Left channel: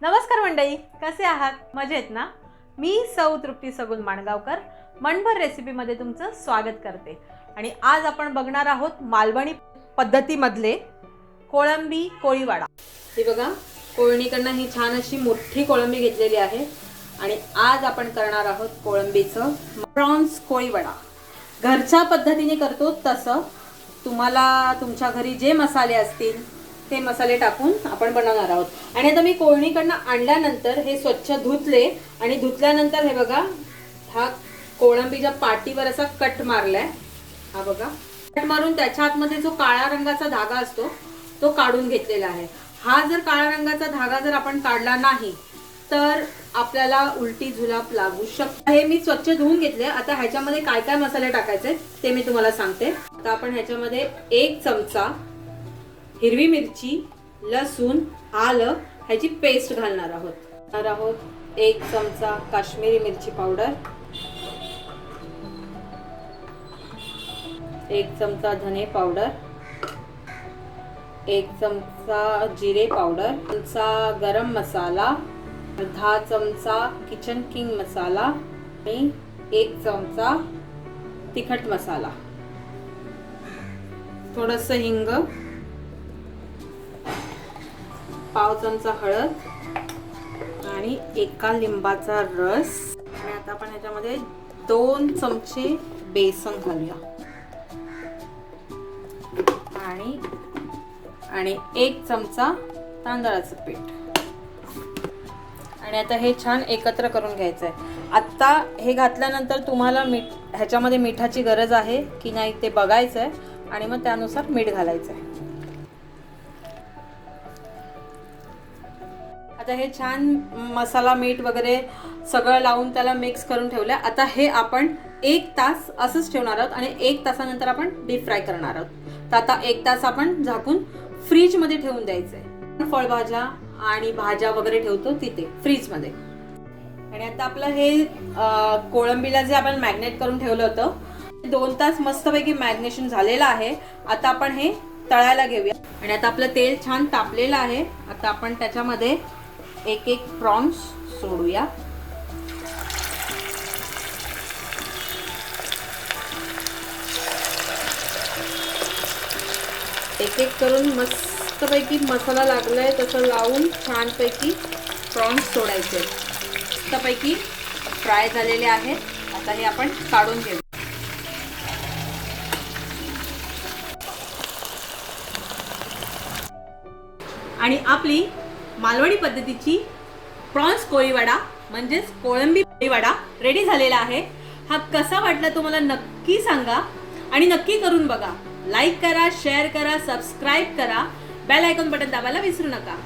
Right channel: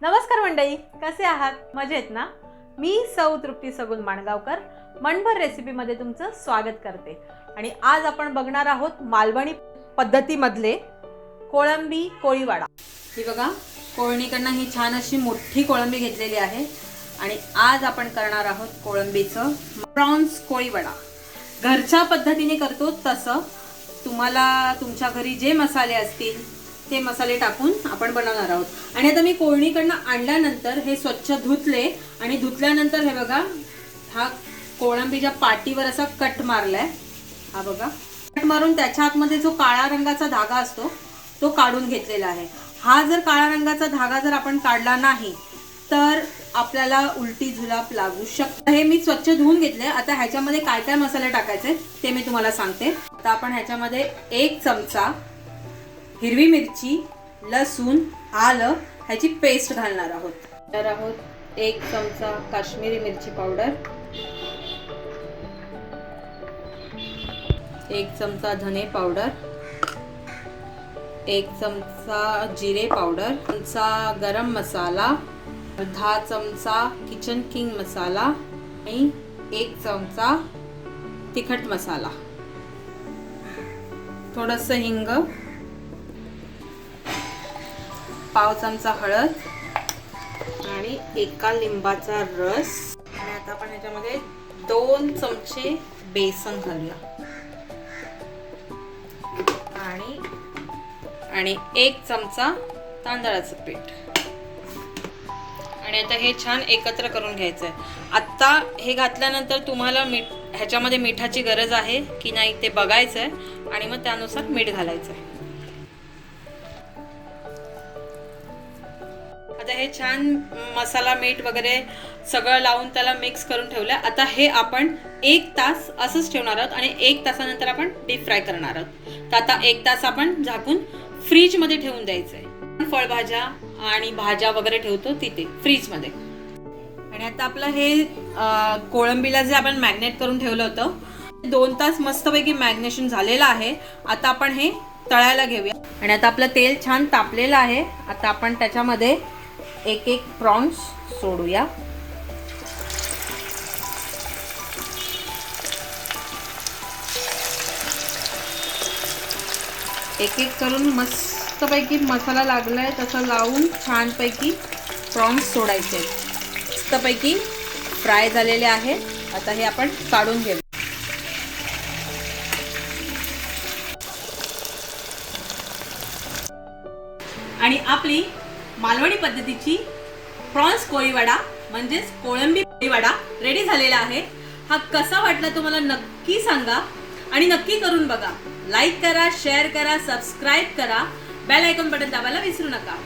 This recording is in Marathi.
नमस्कार मंडळी, कसे आहात? मजेत ना? मी सौ तृप्ती सगुन माणगावकर मनभर रेसिपीमध्ये तुमचं स्वागत करते. आणि आज आपण बघणार आहोत मालवणी पद्धतीमधले कोळंबी कोळीवाडा. हे बघा, कोळणीकडनं ही छान अशी मोठी कोळंबी घेतलेली आहे आणि आज आपण करणार आहोत कोळंबीचं प्रॉन्स कोळीवाडा. घरच्या पद्धतीने करतो तसं तुम्हाला तुमच्या घरी जे मसाले असतील ते मसाले टाकून आपण बनवणार आहोत. आणि आता मी कोळणीकडनं आणल्यानंतर हे स्वच्छ धुतले आणि धुतल्यानंतर हे बघा, हा कोळंबीच्या पाठीवर असा कट मारलाय. हा बघा, कट मारून त्याच्या आतमध्ये जो काळा रंगाचा धागा असतो तो काढून घेतलेला आहे. हा जर काळा रंगाचा धागा जर आपण काढला नाही तर आपल्याला उलटी जुलाब लागू शकते. हे मी स्वच्छ धुवून घेतले. आता ह्याच्यामध्ये काय काय मसाले टाकायचे ते मी तुम्हाला सांगते. आता आपण ह्याच्यामध्ये 1 चमचा हिरवी मिरची, लसूण, आलं ह्याची पेस्ट घालणार आहोत. 1 चमचा काश्मीरी मिरची पावडर, 1 चमचा धने पावडर, 1 चमचा जिरे पावडर, चमचा गरम मसाला, अर्धा चमचा किचन किंग मसाला आणि 1 चमचा तिखट मसाला, थोडंसं हिंग, पाव चमचा हळद आणि 1 लिंबाचा रस. आणि आता आपण ह्याच्यामध्ये 2 चमचे बेसन घालूया आणि 1 चमचा तांदळाचं पीठ. आणि आता हे छान एकत्र करून घ्यायचं आहे. आता हे घातल्यानंतर तुम्हाला ह्याच्यामध्ये मिठाची गरज आहे की नाही ते बघायचं आहे आणि मग त्यानुसार मीठ घालायचं आहे. आता हे छान मसाला मीठ वगैरे सगळं लावून त्याला मिक्स करून ठेवलं. आता हे आपण 1 तास असंच ठेवणार आहोत आणि 1 तासानंतर आपण डीप फ्राय करणार आहोत. तर आता 1 तास आपण झाकून फ्रीजमध्ये ठेवून द्यायचं आहे. फळभाज्या आणि भाज्या वगैरे ठेवतो तिथे फ्रीजमध्ये. आणि आता आपलं हे कोळंबीला जे आपण मॅरिनेट करून ठेवलं होतं 2 तास मस्तपैकी मॅरिनेशन झालेलं आहे. आता आपण हे तळायला घेऊया. आणि आता आपलं तेल छान तापलेलं आहे. आता आपण त्याच्यामध्ये एक प्रॉन्स सोडूया. एक करून मस्तपैकी मसाला लागलाय तसं लावून छानपैकी प्रॉन्स सोडायचे. मस्तपैकी फ्राय झालेले आहे. आता हे आपण काढून घेऊ. आणि आपली मालवणी पद्धतीची प्रॉन्स कोळीवाडा म्हणजेच कोळंबी कोळीवाडा रेडी झालेला आहे. हा कसा वाटला तुम्हाला नक्की सांगा आणि नक्की करून बघा. लाईक करा, शेअर करा, सबस्क्राईब करा, बेल आयकॉन बटन दाबायला विसरू नका.